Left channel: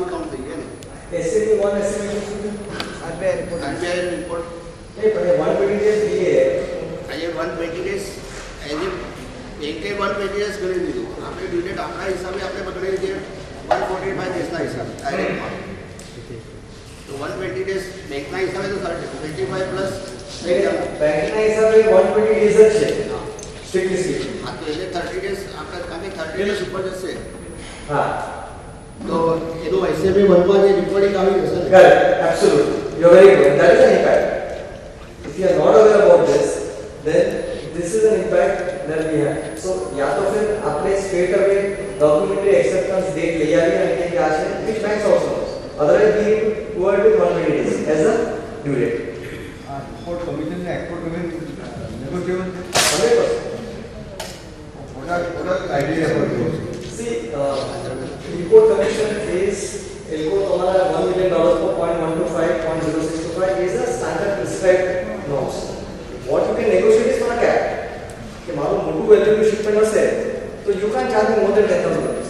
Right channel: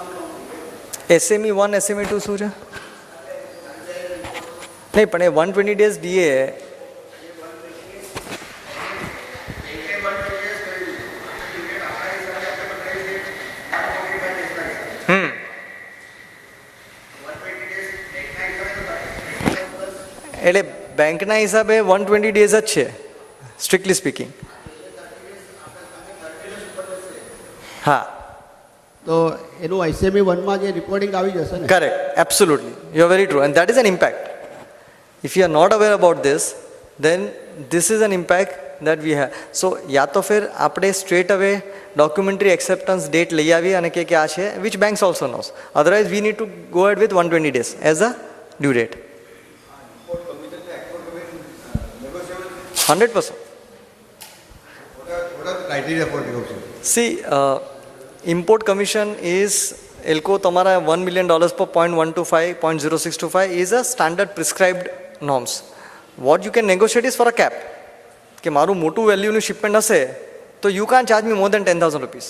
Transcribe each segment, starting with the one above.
भी कम થઈ ગયો SME 1 SME 2 શું છે? RBI report નહીં પણ એ 120 days DA है. ये 120 days एज एक 120 days ले लीजिए आपके ड्यू आपका हिसाब है आपके बदले जे 145 days का हिसाब तो 120 days बैंक का हिसाब है तो 25 प्लस એટલે બેંકના હિસાબે 120 ડેઝ જ છે સ્ટ્રિક્ટલી સ્પીકિંગ. हाँ तो ये 30 days आपका कमी 30 days ऊपर जैसे હા તો એનો SME 1 માં જે રિપોર્ટિંગ આવી જશે ને correct absolute you are very true and that is an impact. If you are not aware about this then this is an impact that we have. So या तो फिर આપણે straight away documentary acceptance date લઈ આવી અને કે આ છે which banks also knows, otherwise we need to go ahead with 120 days as a due date. Import commission and export commission negotiable. 100%. What are criteria for this? See, import commission is એલકો તમારા $1 million પર 0.125 0.0625 is a standard prescribed norms. What you can negotiate is for a cap. કે મારું મોટું વેલ્યુનું shipment હશે તો you કાન charge મી મોર દેન 10,000 rupees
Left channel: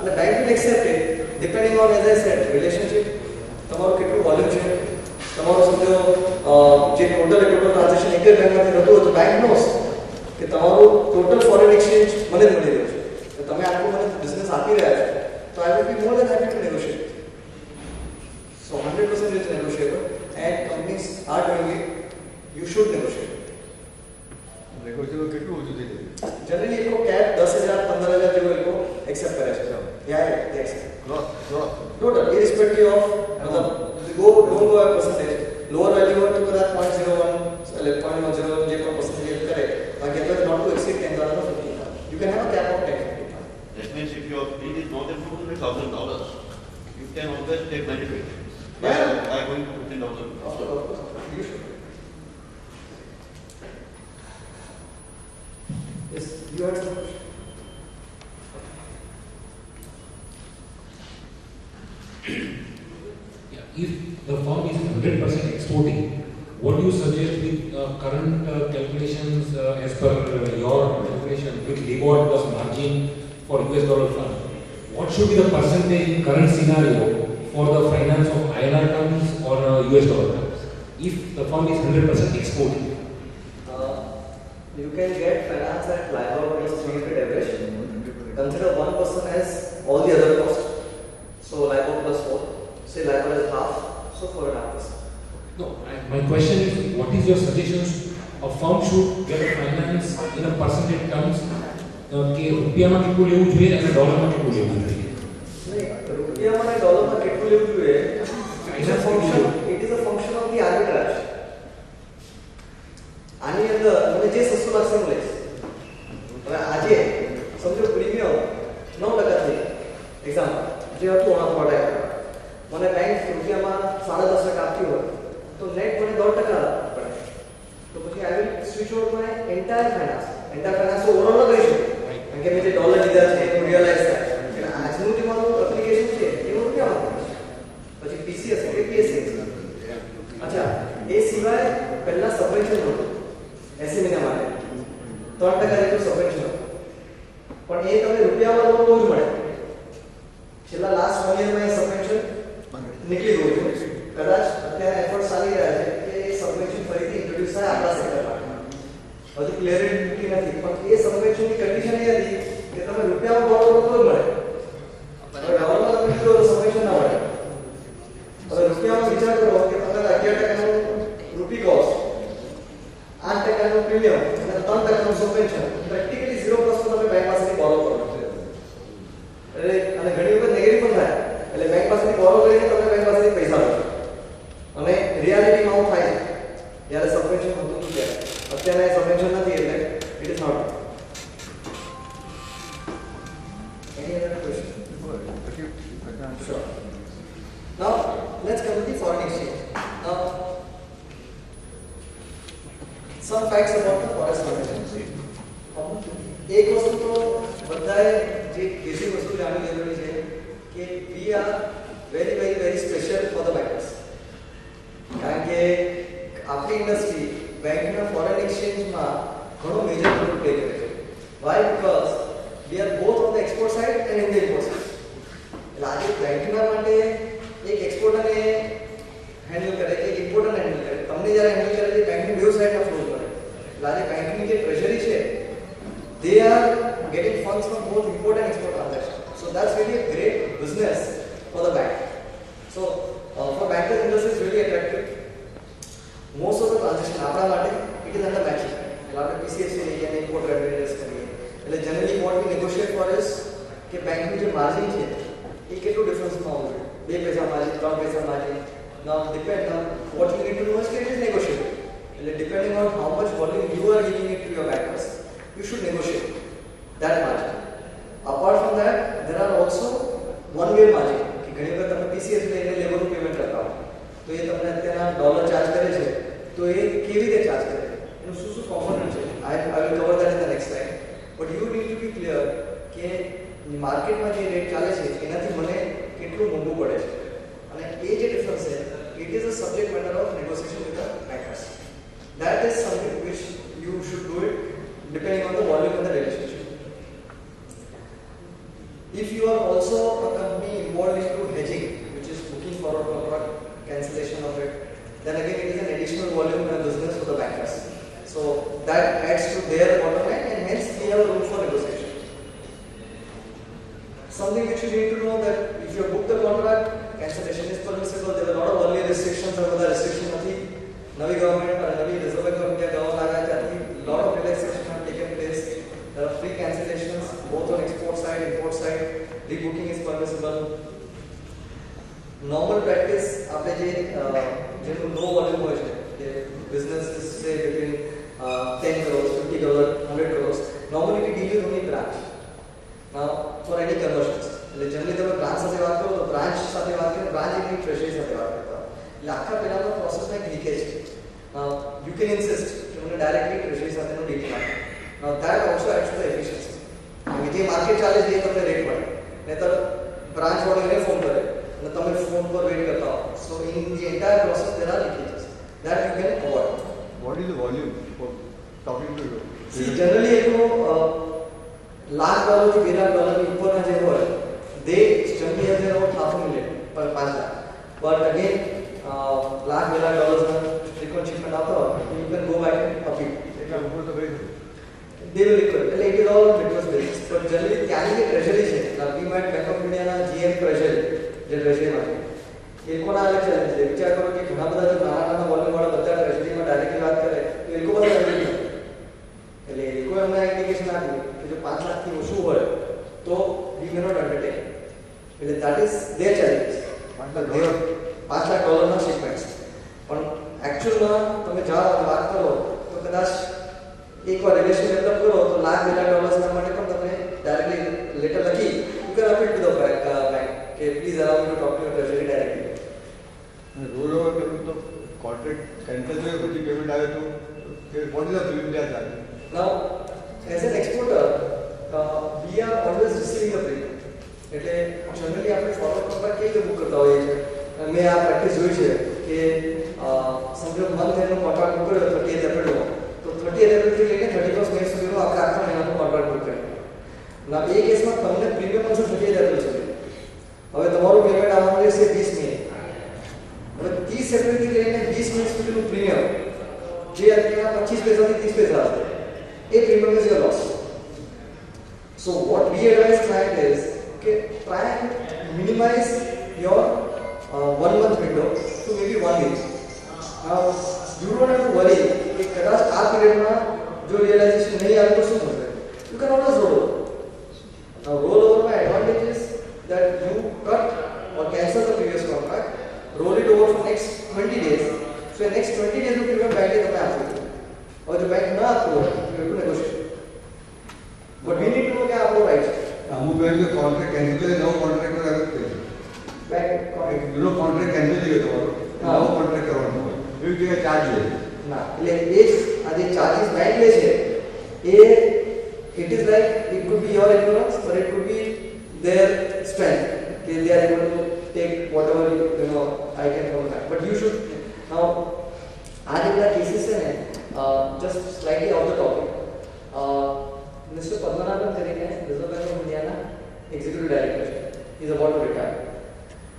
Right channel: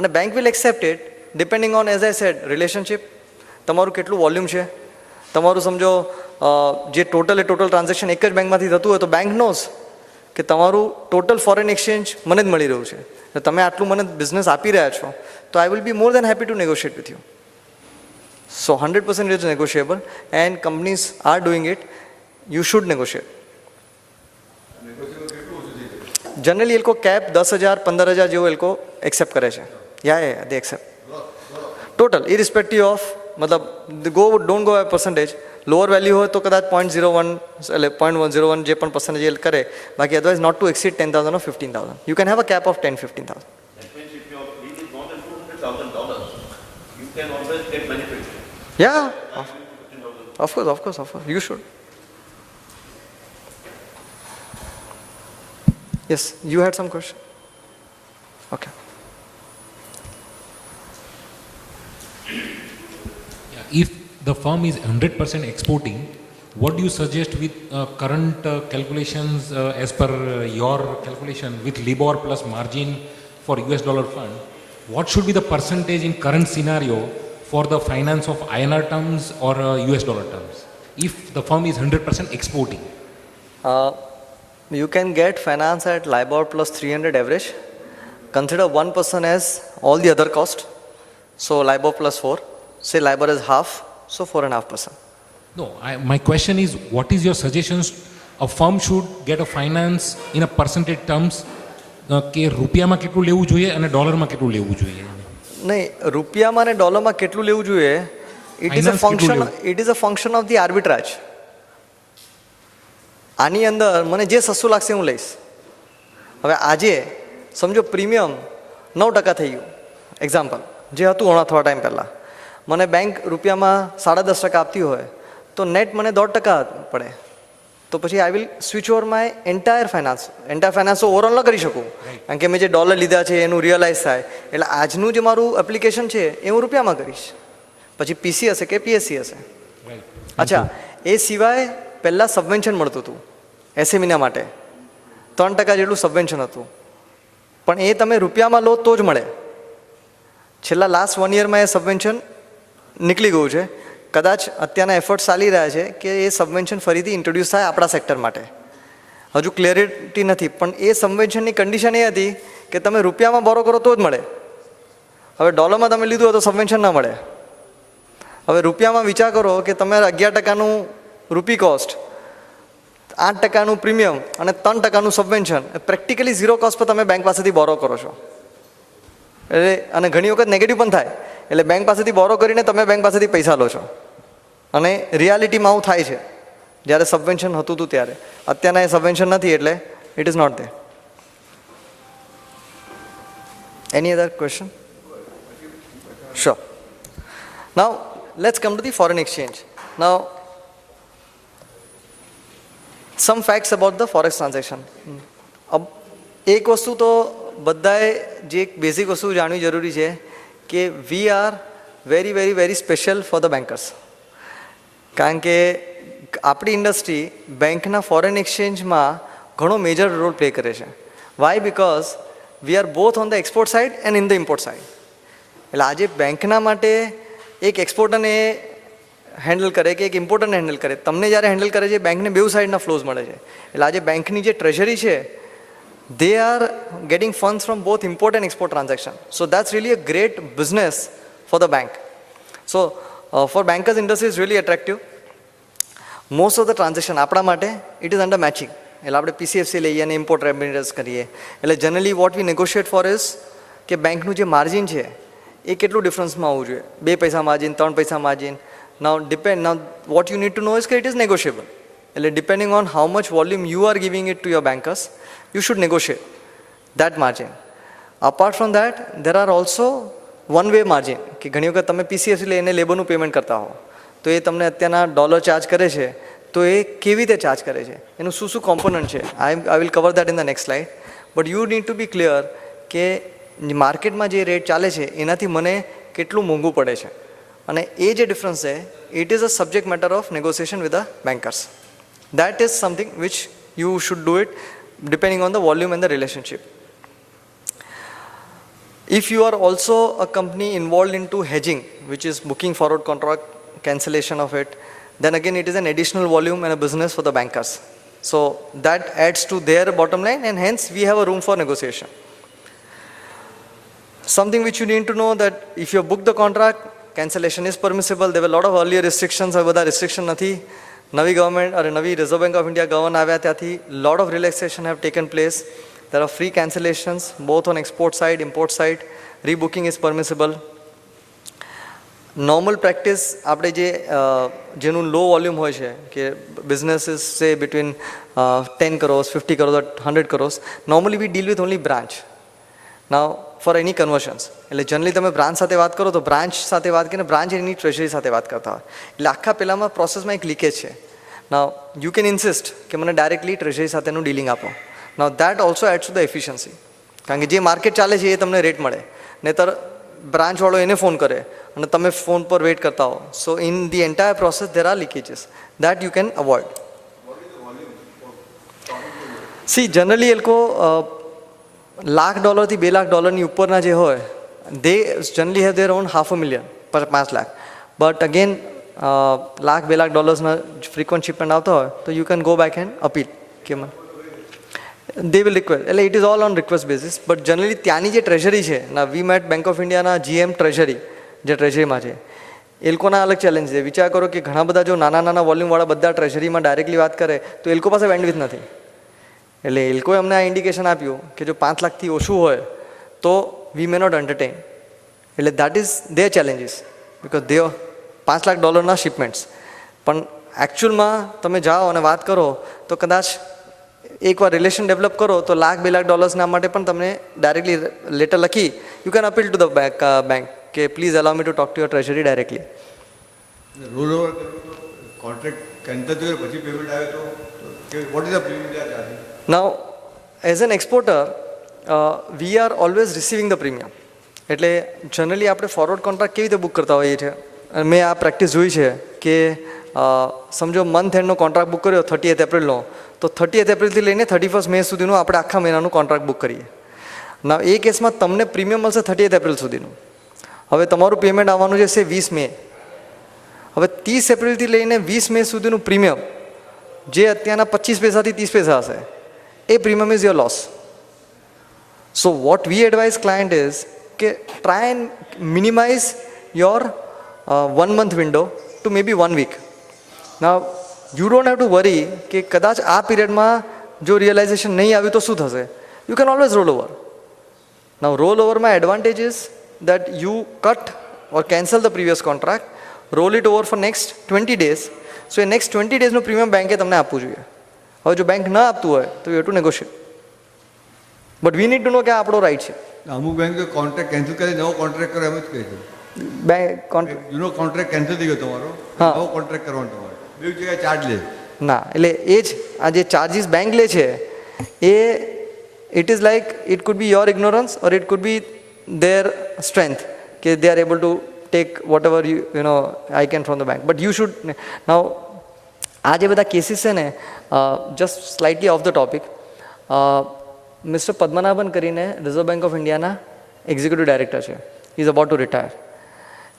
અને bank will accept it depending on as I said relationship, તમારું કેટલું વોલ્યુમ છે, તમારું સમજો જે ટોટલ ટ્રાન્ઝેક્શન એક જ બેંકમાંથી થતું હોય તો બેંક નોઝ કે તમારું ટોટલ ફોરેન એક્સચેન્જ મને જ મળી રહ્યું છે તો તમે આટલું મને બિઝનેસ આપી રહ્યા છો તો I will be more than happy to negotiate with you. So 100% it is negotiable and companies are doing it. You should negotiate. Generally इनको कैप 10,000 15,000 જેવું એ લોકો એક્સેપ્ટ કરે છે. યા they accept total irrespective of મતલબ don't go percentage. Lower value હોય તો કદાચ 0.01 એટલે 0.101 જે પણ પર્સન્ટેજ કરે, બાકી otherwise not to exceed 10,000 or 15,000. You can have a cap of 10,000-15,000. That means if your fee is more than $200,000, you can always take benefit. Yeah, I'm going to 15,000. of course, you should. Yes, you had some question. Okay. If the firm is 100% exporting, what do you suggest with current calculations as per your calculation with LIBOR plus margin for US dollar fund? What should be the percentage in current scenario for the finance of INR terms or US dollar terms if the firm is 100% exporting? You can get finance at LIBOR plus 300 average. Consider 1% as all the other cost. So LIBOR plus 4. Say LIBOR is half, so 4.5%. No, my question is, what is your suggestions? A firm should get a finance in a percentage terms કે રૂપિયામાં કેટલું લેવું જોઈએ અને ડોલરમાં કેટલું લેવું જોઈએ? નહીં, રૂપિયામાં અને ડોલરમાં કેટલું લેવું જોઈએ it is a function of the arbitrage. આની અંદર મને જે સસ્તું લાગશે હું લઈશ. હવે આજે સમજો પ્રીમિયમ 9% થઈ ગયું એક્ઝામ્પલ જે હતું થોડા ટાઈમ પહેલાં, મને બેંક રૂપિયામાં 10.5% આપતી હોય તો નેટ મને 1.5% પડે, તો પછી I will switch over my entire finance તો ઓવરઓલ ન કરી શકું કારણ કે મેં જે ડોલર લીધા છે એનું રિયલાઇઝ થાય. એટલે આજનું જે મારું એપ્લિકેશન છે એ હું રૂપિયામાં કરીશ, પછી પીસી હશે કે પીએસસી હશે. અચ્છા, એ સિવાય પહેલાં સબવેન્શન મળતું હતું એસએમઈના માટે 3% જેટલું સબવેન્શન હતું, પણ એ તમે રૂપિયામાં લો તો જ મળે. છેલ્લા લાસ્ટ 1 યરમાં એ સબવેન્શન નીકળી ગયું છે. કદાચ અત્યારના એફર્ટ્સ ચાલી રહ્યા છે કે એ સબવેન્શન ફરીથી ઇન્ટ્રોડ્યુસ થાય આપણા સેક્ટર માટે. હજુ ક્લેરિટી નથી, પણ એ સબવેન્શનની કન્ડિશન એ હતી કે તમે રૂપિયામાં બોરો કરો તો જ મળે. હવે ડોલરમાં તમે લીધું હોય તો સબવેન્શન ના મળે. હવે રૂપિયામાં વિચાર કરો કે તમારે 11%નું રૂપી કોસ્ટ, 8%નું પ્રીમિયમ અને 3%નું સબવેન્શન, પ્રેક્ટિકલી 0 કોસ્ટ પર તમે બેંક પાસેથી બોરો કરો છો. એટલે અને ઘણી વખત નેગેટિવ પણ થાય. એટલે બેંક પાસેથી બોરો કરીને તમે બેંક પાસેથી પૈસા લો છો અને રિયાલિટીમાં આવું થાય છે જ્યારે સબવેન્શન હતું ત્યારે. અત્યારના એ સબવેન્શન નથી એટલે it is not there. Any other question? Sure. Now let's come to the foreign exchange. Now some facts about the forex transaction. એક વસ્તુ તો બધાએ જે એક બેઝિક વસ્તુ જાણવી જરૂરી છે કે we are very very very special for the bankers. કારણ કે આપણી ઇન્ડસ્ટ્રી બેંકના ફોરેન એક્સચેન્જમાં ઘણો મેજર રોલ પ્લે કરે છે. Why? Because we are both on the export side and in the import side. એટલે આજે બેંકના માટે એક એક્સપોર્ટરને હેન્ડલ કરે કે એક ઇમ્પોર્ટરને હેન્ડલ કરે, તમને જ્યારે હેન્ડલ કરે છે બેંકને બેઉ સાઈડના ફ્લોઝ મળે છે. એટલે આજે બેંકની જે ટ્રેઝરી છે they are getting funds from both import and export transaction. So that's really a great business for the bank. So for bankers industry is really attractive. Most of the transaction આપણા માટે it is under matching. એટલે આપણે PCFC લઈએ અને import remittance કરીએ. એટલે generally what we negotiate for is કે બેંકનું જે માર્જિન છે એ કેટલું ડિફરન્સમાં આવવું જોઈએ, 2 પૈસા માર્જિન, 3 પૈસા margin. Now what you need to know is that it is negotiable. એટલે depending on how much volume you are giving it to your bankers, you should negotiate that margin. Apart from that, there are also one-way margin. કે ઘણી વખત તમે PCFC લઈને લેબરનું payment કરતા હો તો એ તમને અત્યારના ડોલર ચાર્જ કરે છે, તો એ કેવી રીતે ચાર્જ કરે છે, એનું શું શું કોમ્પોનન્ટ છે, I will cover that in the next slide. But you need to be clear કે માર્કેટમાં જે રેટ ચાલે છે એનાથી મને કેટલું મોંઘું પડે છે, અને એ જે ડિફરન્સ છે it is a subject matter of negotiation with the bankers. That is something which you should do it depending on the volume and the relationship. If you are also a company involved into hedging, which is booking forward contract, cancellation of it, then again it is an additional volume and a business for the bankers. So that adds to their bottom line, and hence we have a room for negotiation. Something which you need to know that if you book the contract, cancellation is permissible. There were a lot of earlier restrictions, હવે બધા restriction નથી. નવી government અને નવી reserve Bank of India govern આવ્યા ત્યાંથી lot of relaxation have taken place. There are free cancellations both on export side, import side. Rebooking is permissible. Normal practice આપણે જેનું લો વોલ્યુમ હોય છે કે businesses say between 10 crores, 50 crores or 100 crores, normally we deal with only branch. Now for any conversions, એટલે generally તમે branch સાથે વાત કરો તો બ્રાન્ચ સાથે વાત કરીને બ્રાન્ચ એની ટ્રેઝરી સાથે વાત કરતા હોય. એટલે આખા પહેલામાં પ્રોસેસમાં એક લીકેજ છે. Now you can insist કે મને ડાયરેક્ટલી ટ્રેઝરી સાથેનું ડીલિંગ આપો. Now that also adds to the efficiency. કારણ કે જે માર્કેટ ચાલે છે એ તમને રેટ મળે, નહીતર બ્રાન્ચવાળો એને ફોન કરે અને તમે ફોન પર વેઇટ કરતા હો. સો in the entire process there are leakages that you can avoid. What is the volume for talking to you? See, generally એ લોકો $1,00,000 થી $2,00,000 ની ઉપરના જે હોય they generally have their own $500,000 પર 5 લાખ. But again $1,00,000-$2,00,000 ના frequent shipment આવતા હોય તો you can go back and appeal. They will request. એટલે it is all on request basis. But generally ત્યાંની જે ટ્રેઝરી છે ના, વી મેટ બેંક ઓફ ઇન્ડિયાના GM ટ્રેઝરી જે ટ્રેઝરીમાં છે એ લોકોના અલગ ચેલેન્જ છે. વિચાર કરો કે ઘણા બધા જો નાના નાના વોલ્યુમવાળા બધા ટ્રેઝરીમાં ડાયરેક્ટલી વાત કરે તો એ લોકો પાસે બેન્ડવિડ્થ નથી. એટલે એ લોકોએ અમને આ ઇન્ડિકેશન આપ્યું કે જો 5 લાખથી ઓછું હોય તો વી મે નોટ એન્ટરટેન. એટલે that is there challenges because they $5,00,000 શિપમેન્ટ્સ. પણ એકચ્યુઅલમાં તમે જાઓ અને વાત કરો તો કદાચ એકવાર રિલેશન ડેવલપ કરો તો $1,00,000-$2,00,000 ના માટે પણ તમને ડાયરેક્ટલી લેટર લખી you can appeal to the bank કે please allow me to talk to your treasury directly. Roll over કરવું તો કોન્ટ્રાક્ટ કેન્સલ થયો પછી પેમેન્ટ આવે તો what is the premium? Now, as an exporter, we are always receiving the premium. એટલે generally આપણે forward contract કેવી રીતે બુક કરતા હોઈએ છીએ, અને મેં આ પ્રેક્ટિસ જોઈ છે કે સમજો મંથ એન્ડનો કોન્ટ્રાક્ટ બુક કર્યો 30th એપ્રિલનો, તો 30th એપ્રિલથી લઈને 31st મે સુધીનું આપણે આખા મહિનાનું કોન્ટ્રાક્ટ બુક કરીએ. ના એ કેસમાં તમને પ્રીમિયમ મળશે 30th એપ્રિલ સુધીનું. હવે તમારું પેમેન્ટ આવવાનું છે 20 મે. હવે 30 એપ્રિલથી લઈને 20 મે સુધીનું પ્રીમિયમ જે અત્યારના 25 પૈસાથી 30 પૈસા હશે, a premium is your loss. So what we advise client is કે try and minimize your 1 month window to maybe 1 week. Now you don't have to worry કે કદાચ આ પીરિયડમાં જો રિયલાઇઝેશન નહીં આવ્યું તો શું થશે. You can always roll over. Now roll over my advantage is that you cut or cancel the previous contract, roll it over for next 20 days. So A next 20 days નું પ્રીમિયમ બેંકે તમને આપવું જોઈએ. હવે જો બેંક ના આપતું હોય તો you to negotiate, but we need to know કે આ આપણો રાઈટ છે. અમુક બેંક તો કોન્ટ્રાક્ટ કેન્સલ કરી નવો કોન્ટ્રાક્ટ કરે એમ જ કહી દે. બેંક જૂનો કોન્ટ્રાક્ટ કેન્સલ થઈ ગયો તમારો, હા, નવો કોન્ટ્રાક્ટ કરવાનો હોય એવી જગ્યાએ ચાર્જ લે ના. એટલે એ જ આ જે ચાર્જીસ બેંક લે છે એ it is like it could be your ignorance or it could be their strength કે they are able to take whatever you know I can from the bank. But you should now આ જે બધા cases છે ને, just slightly off the topic, mister Padmanabhan કરીને Reserve Bank of ઇન્ડિયાના executive director છે. He's about to retire.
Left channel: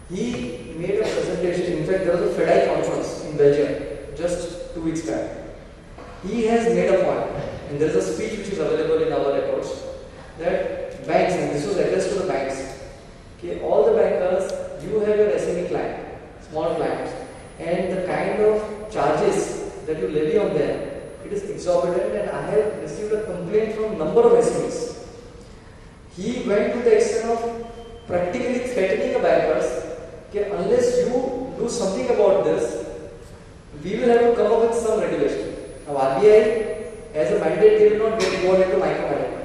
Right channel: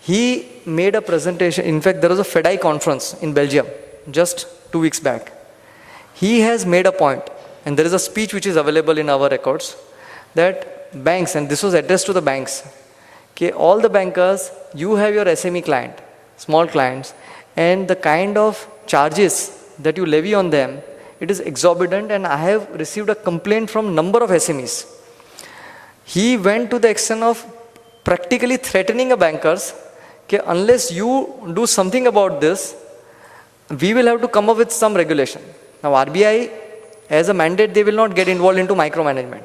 He made a presentation. In fact, there was a FEDI conference in Belgium just 2 weeks back. He has made a point, and there is a speech which is available in our records, that banks, and this was addressed to the banks, okay, all the bankers, you have your SME client, small clients, and the kind of charges that you levy on them, it is exorbitant, and I have received a complaint from number of SMEs. He went to the extent of practically threatening the bankers, okay, unless you do something about this, we will have to come up with some regulation. Now RBI, as a mandate, they will not get involved into micromanagement.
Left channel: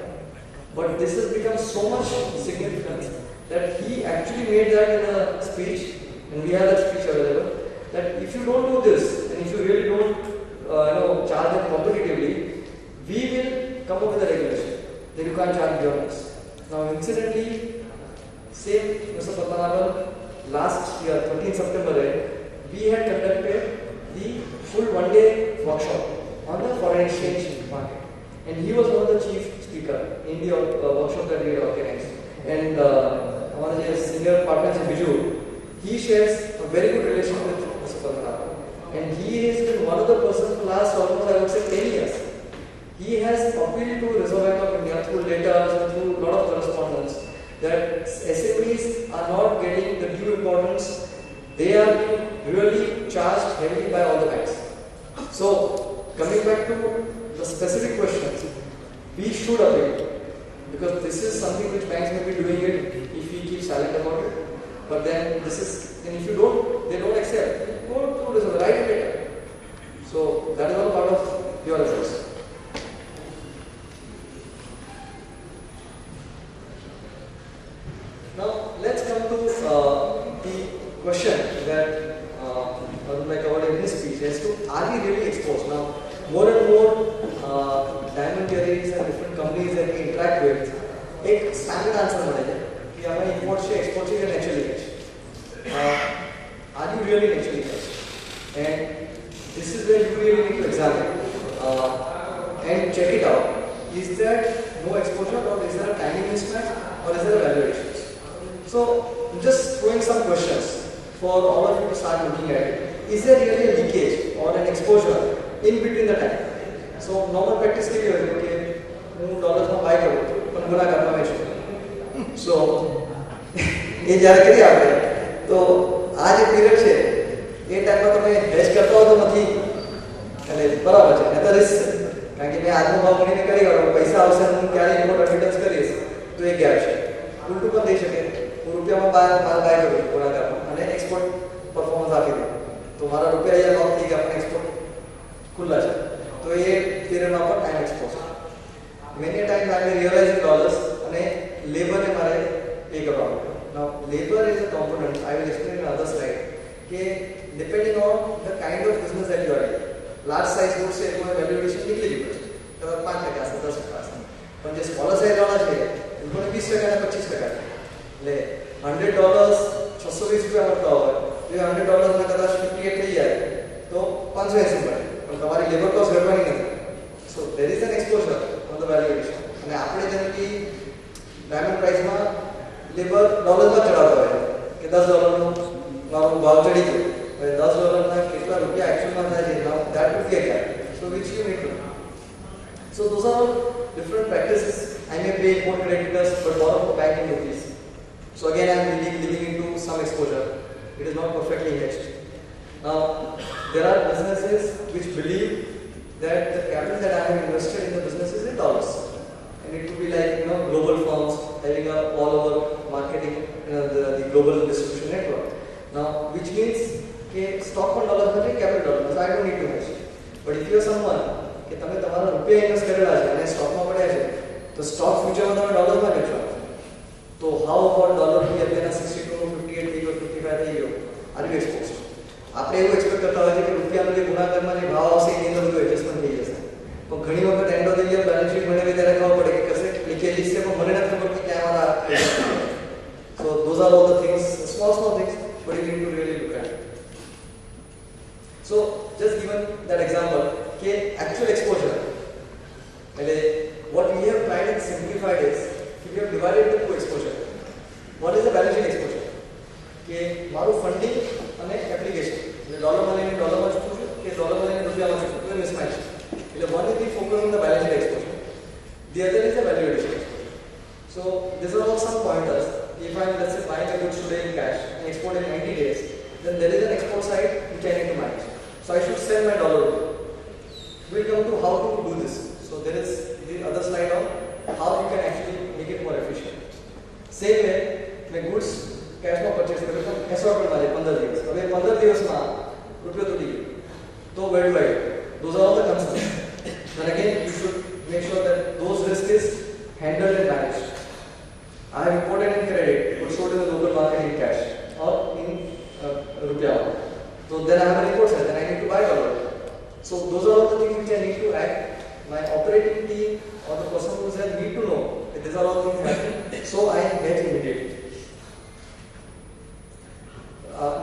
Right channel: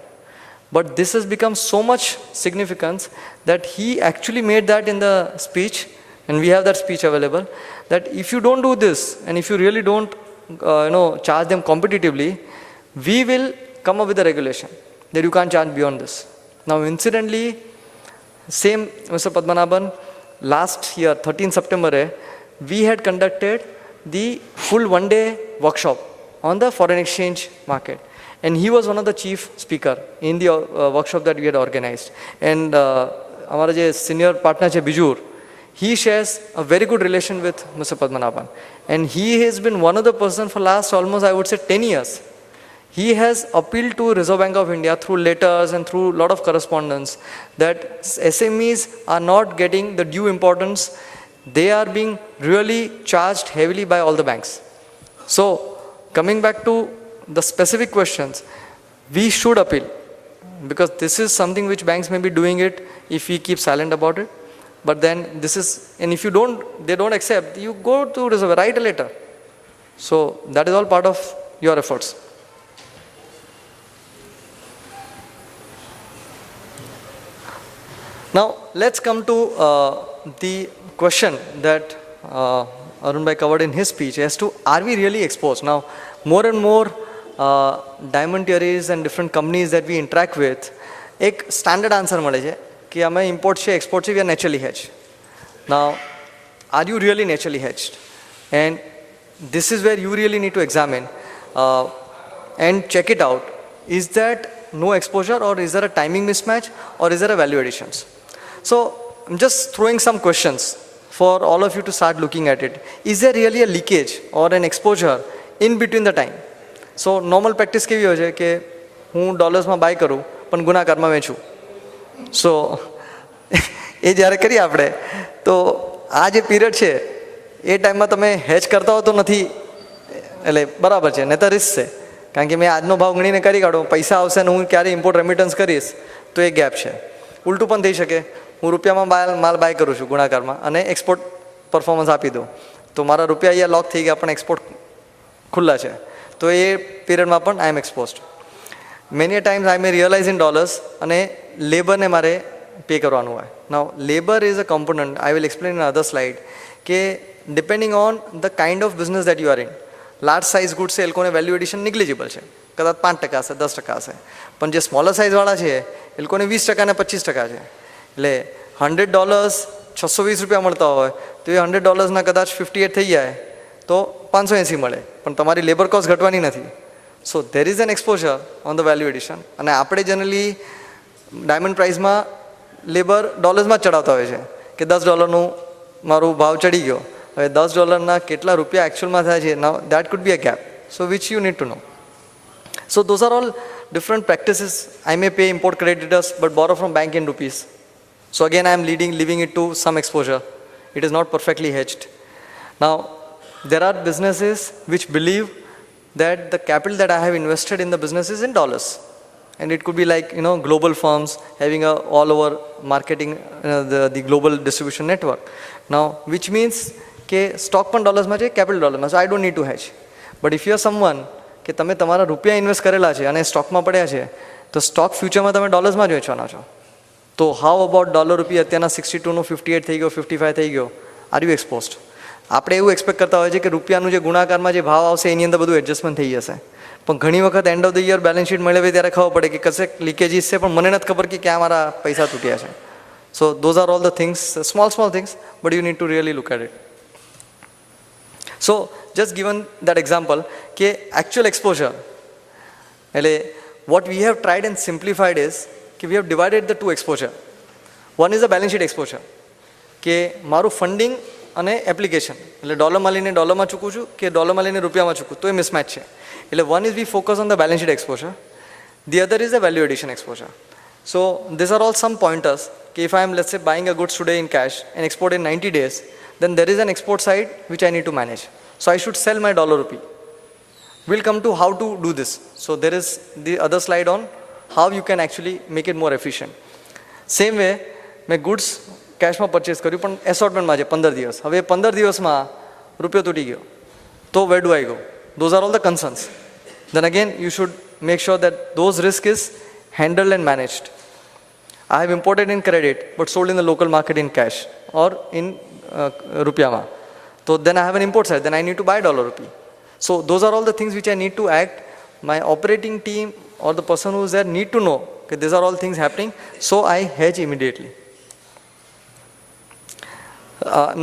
But this has become so much significance that he actually made that in the speech, and we have that speech available, that if you don't do this, and if you really don't charge them competitively, we will come up with a regulation that you can't charge beyond this. Now incidentally, same Mr. Padmanabhan, last year 13 September, we had conducted the full one-day workshop on the foreign exchange market, and he was one of the chief speaker in the workshop that we had organized. And our senior partner Bijur, he shares a very good relation with Mr. Padmanabhan, and he has been one of the person for last almost, I would say, 10 years. He has appealed to Reserve Bank of India through letters and through a lot of correspondence that SMEs are not getting the due importance. They are being really charged heavily by all the banks. So coming back to the specific questions, we should appeal, because this is something which banks may be doing it if we keep silent about it. But then this is, and if you don't, they don't accept, you go to Reserve, write a letter. So that is all part of your efforts. Now let's come to the question that Arun Bhai covered in his speech as to, are we really exposed? Now more and more diamanteries and different companies that we interact with, एक standard answer મળે છે कि અમે import છે, export છે, we are naturally hedged. Now, are you really naturally hedged? And this is where you really need to examine and check it out. Is that no exposure, or is there a timing mismatch, or is there a value additions? So I'm just throwing some questions for all of you to start looking at it. Is there really a leakage or an exposure in between the time? So normal practice કેવી હોય છે કે હું ડોલર્સમાં by કરું પણ ગુણાકારમાં વેચું. સો એ જ્યારે કરીએ આપણે તો આ જે પીરિયડ છે એ ટાઈમમાં તમે હેજ કરતા હો તો નથી, એટલે બરાબર છે, નહીં તો રિસ્ક છે, કારણ કે મેં આજનો ભાવ ગણીને કરી કાઢો, પૈસા આવશે ને હું ક્યારે ઇમ્પોર્ટ રેમિટન્સ કરીશ તો એ ગેપ છે. ઉલટું પણ થઈ શકે, હું રૂપિયામાં માલ બાય કરું છું ગુણાકારમાં અને એક્સપોર્ટ પરફોર્મન્સ આપી દઉં તો મારા રૂપિયા અહીંયા લોક થઈ ગયા પણ એક્સપોર્ટ ખુલ્લા છે, તો એ પીરિયડમાં પણ I am exposed. Many a times I may realise in dollars અને લેબરને મારે પે કરવાનું હોય. Now labour is a component, I will explain in other slide, કે depending on the kind of business that you are in. Large size goods છે એ લોકોને value addition નિગ્લિજિબલ છે, કદાચ 5% હશે, 10% હશે, પણ જે સ્મોલર સાઇઝવાળા છે એ લોકોને 20% ને 25% છે. એટલે $100 620 મળતા હોય તો એ $100 કદાચ 58 થઈ જાય તો 580 મળે, પણ તમારી લેબર કોસ્ટ ઘટવાની નથી. So there is an exposure on the value addition. અને આપણે જનરલી ડાયમંડ પ્રાઇસમાં લેબર ડોલર્સમાં જ ચડાવતા હોય છે કે $10 મારો ભાવ ચડી ગયો, હવે $10 કેટલા રૂપિયા એકચ્યુઅલમાં થાય છે, now that could be a gap, so which you need to know. So those are all different practices. I may pay import creditors but borrow from bank in rupees. So again I am leaving it to some exposure. It is not perfectly hedged. Now there are businesses which believe that the capital that I have invested in the business is in dollars, and it could be like global firms having a all over marketing, the global distribution network. Now which means કે stock પણ ડોલર્સમાં છે, capital ડોલરમાં, so I don't need to hedge. But if you are someone કે તમે તમારા રૂપિયા invest કરેલા છે અને સ્ટોકમાં પડ્યા છે તો સ્ટોક ફ્યુચરમાં તમે ડોલર્સમાં જ વેચવાના છો, તો હાઉ અબાઉટ $, અત્યારના 62નું 58 થઈ ગયો, 55 થઈ ગયો, આર યુ એક્સપોઝડ? આપણે એવું એક્સપેક્ટ કરતા હોય છે કે રૂપિયાનું જે ગુણાકારમાં જે ભાવ આવશે એની અંદર બધું એડજસ્ટમેન્ટ થઈ જશે, પણ ઘણી વખત end of the year balance sheet મેળવે ત્યારે ખબર પડે કે કશે લીકેજીસ છે પણ મને નથી ખબર કે ક્યાં મારા પૈસા ચૂક્યા છે. So those are all the things, small things, but you need to really look at it. So just given that example કે actual exposure, એટલે what we have tried and simplified is કે we have divided the two exposure. One is a balance sheet exposure, કે મારું funding અને application, એટલે ડોલરમાં લઈને ડોલરમાં ચૂકું છું કે ડોલરમાં લઈને રૂપિયામાં ચૂકું, તો એ મિસમેચ છે. એટલે one is we focus on the balance sheet exposure, the other is the value addition exposure. So these are all some pointers. If I am, let's say, buying a goods today in cash and export in 90 days, then there is an export side which I need to manage. So I should sell my dollar rupee. We'll come to how to do this. So there is the other slide on how you can actually make it more efficient. Same way, મેં goods કેશમાં purchase કર્યું પણ એસોર્ટમેન્ટમાં છે 15 દિવસ. હવે 15 દિવસમાં રૂપિયો તૂટી ગયો, તો where do I go? Those are all the concerns. Then again, you should make sure that those risk is handled and managed. I have imported in credit but sold in the local market in cash or in rupiah. So then I have an import side, then I need to buy dollar rupee. So those are all the things which I need to act. My operating team or the person who is there need to know that these are all things happening, so I hedge immediately.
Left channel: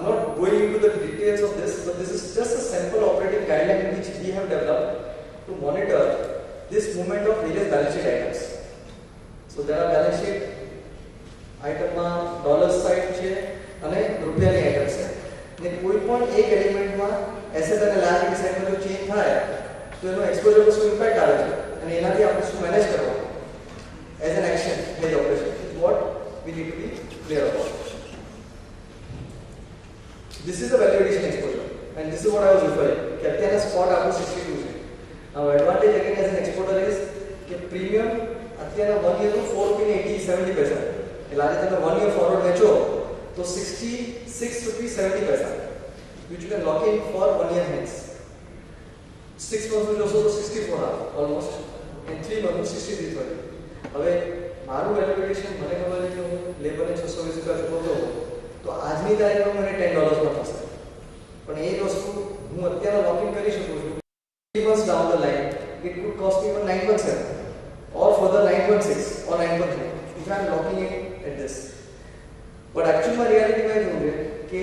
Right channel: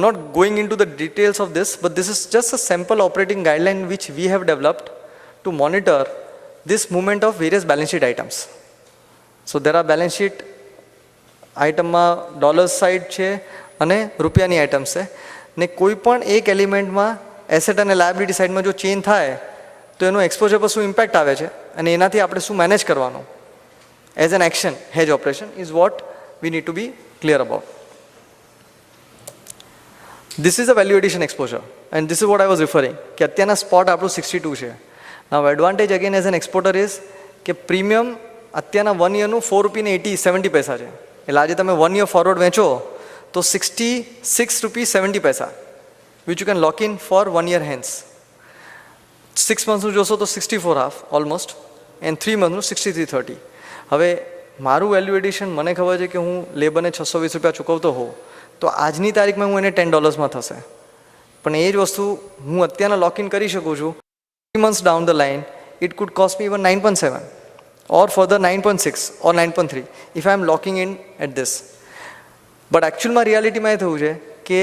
Not going into the details of this, but this is just a simple operating guideline which we have developed to monitor this movement of various balance sheet items. So there are balance sheet આઇટમમાં dollars side છે અને રૂપિયાની items છે, ને કોઈ પણ એક એલિમેન્ટમાં એસેટ અને લાયબિલિટી સાઇડમાં જો ચેન્જ થાય તો એનું એક્સપોઝર પર શું ઇમ્પેક્ટ આવે છે અને એનાથી આપણે શું મેનેજ કરવાનું as an action hedge operation is what we need to be clear about. This is a value addition exposure and this is what I was referring કે અત્યારના સ્પોટ આપણું 62 છે. Now advantage again as an exporter is કે premium અત્યારના 1 યરનું ₹4.70 છે. એટલે આજે તમે 1 યર ફોરવર્ડ વેચો તો ₹66.70 which you can lock in for 1 year hence. 6 monthsનું જોશો તો 64.5 ઓલમોસ્ટ એન્ડ 3 મંથનું 63.30. હવે મારું વેલ્યુ એડિશન મને ખબર છે કે હું લેબરને ₹620 ચૂકવતો હોઉં તો આજની તારીખમાં હું એને $10 થશે, પણ એ જ વસ્તુ હું અત્યારના લોક ઇન કરી શકું છું. 3 months down the line it could cost me even 9.7 or further 9.6 or 9.3 if I am locking in at this. But એકચ્યુઅલમાં રિયાલિટીમાં એ થયું છે કે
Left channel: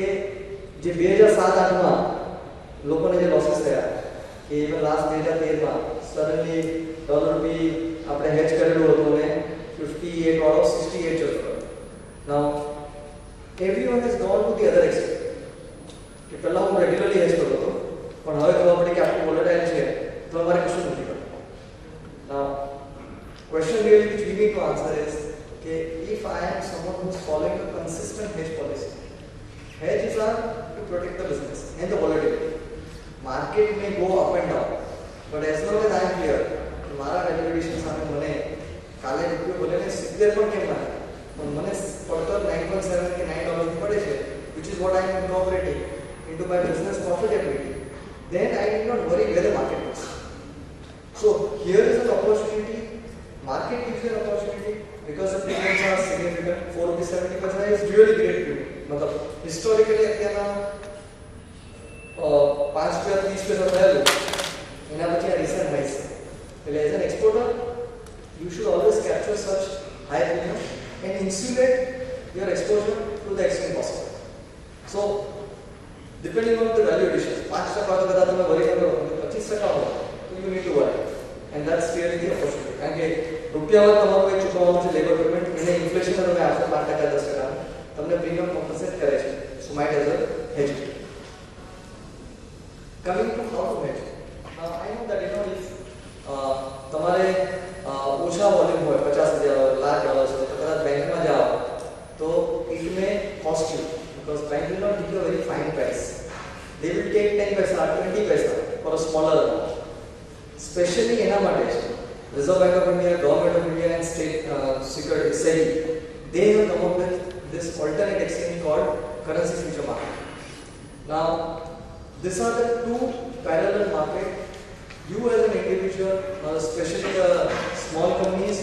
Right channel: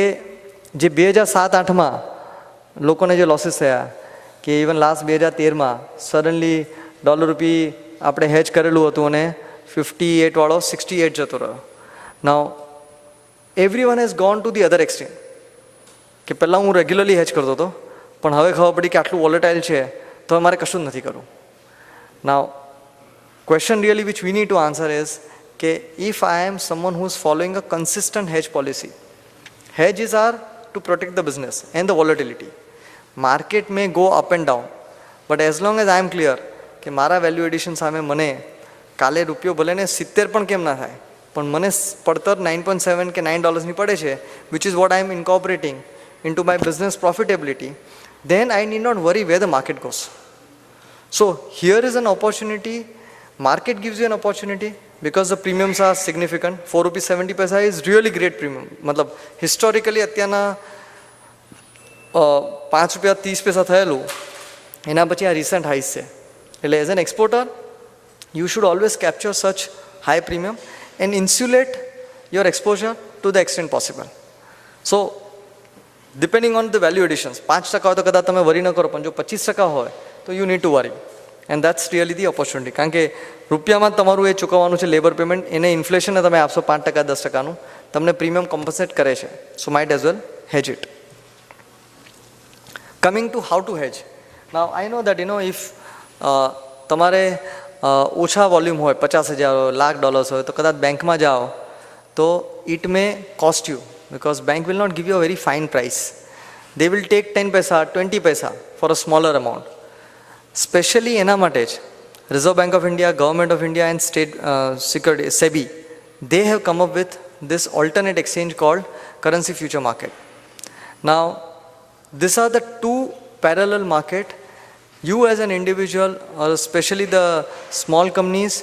જે 2007-8માં લોકોને જે લોસીસ થયા કે ઇવન લાસ્ટ 2013માં સડનલી ડોલર રૂપી આપણે હેજ કરેલું હતું અને 58 વાળો 68 જતો રહ્યો. Now everyone has gone to the other extreme કે પહેલાં હું રેગ્યુલરલી હેજ કરતો હતો પણ હવે ખબર પડી કે આટલું વોલેટાઇલ છે તો મારે કશું જ નથી કરવું. નાઉ question really which we need to answer is કે if I am someone who is following a consistent hedge policy, hedges are to protect the business and the volatility. Market may go up and down, but as long as I am clear કે મારા value addition સામે મને કાલે રૂપિયો ભલે ને 70 પણ કેમ ના થાય પણ મને પડતર 9.7 કે $9 પડે છે, which is what I am incorporating into my business profitability, then I need not worry where the market goes. So here is an opportunity. Market gives you an opportunity because the premiums are significant. ₹4.70 is really great premium. मतलब historically અત્યારના ₹5.30 થયેલું એના પછી આ recent highs છે. એટલે as an exporter you should always capture such high premium and insulate your exposure to the extent possible. So depending on the value additions 5% હોય તો કદાચ તમે વરી ન કરો, પણ જો 25% હોય તો you need to worry. And that's really the opportunity. કારણ કે રૂપિયામાં તમારું એ ચૂકવવાનું છે લેબર પેમેન્ટ, એને ઇન્ફ્લેશનને તમે આપશો 5% 10%નું, તમને પ્રીમિયમ કોમ્પન્સેટ કરે છે. So might as well hedge it. Coming to how to hedge. Now I know that if તમારે ઓછા વોલ્યુમ હોય $50,000 $1,00,000 હોય તો કદાચ બેંકમાં જાઓ તો it may cost you because bank will not give you a very fine price. They will take 10 paisa 20 paisa for a smaller amount. Especially એના માટે જ Reserve Bank of India, Government of India and State Security SEBI, they have come up with this alternate exchange called currency future market. Now these are the two parallel market. You as an individual or especially the small companies,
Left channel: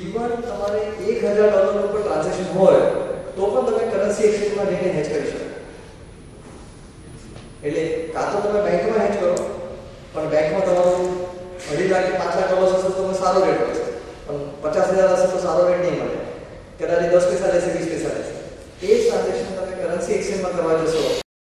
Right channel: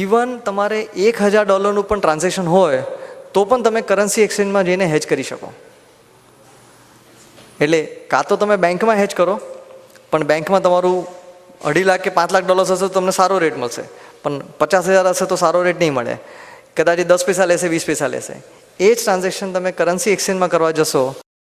even તમારે $1,000 પણ transaction હોય તો પણ તમે currency એક્સચેન્જમાં જઈને હેજ કરી શકો. એટલે કાં તો તમે બેંકમાં હેજ કરો પણ બેંકમાં તમારું $2.5 લાખ કે $5 લાખ હશે તો તમને સારો રેટ મળશે, પણ 50,000 હશે તો સારો રેટ નહીં મળે, કદાચ 10 પૈસા લેશે 20 પૈસા લેશે. એ જ ટ્રાન્ઝેક્શન તમે કરન્સી એક્સચેન્જમાં કરવા જશો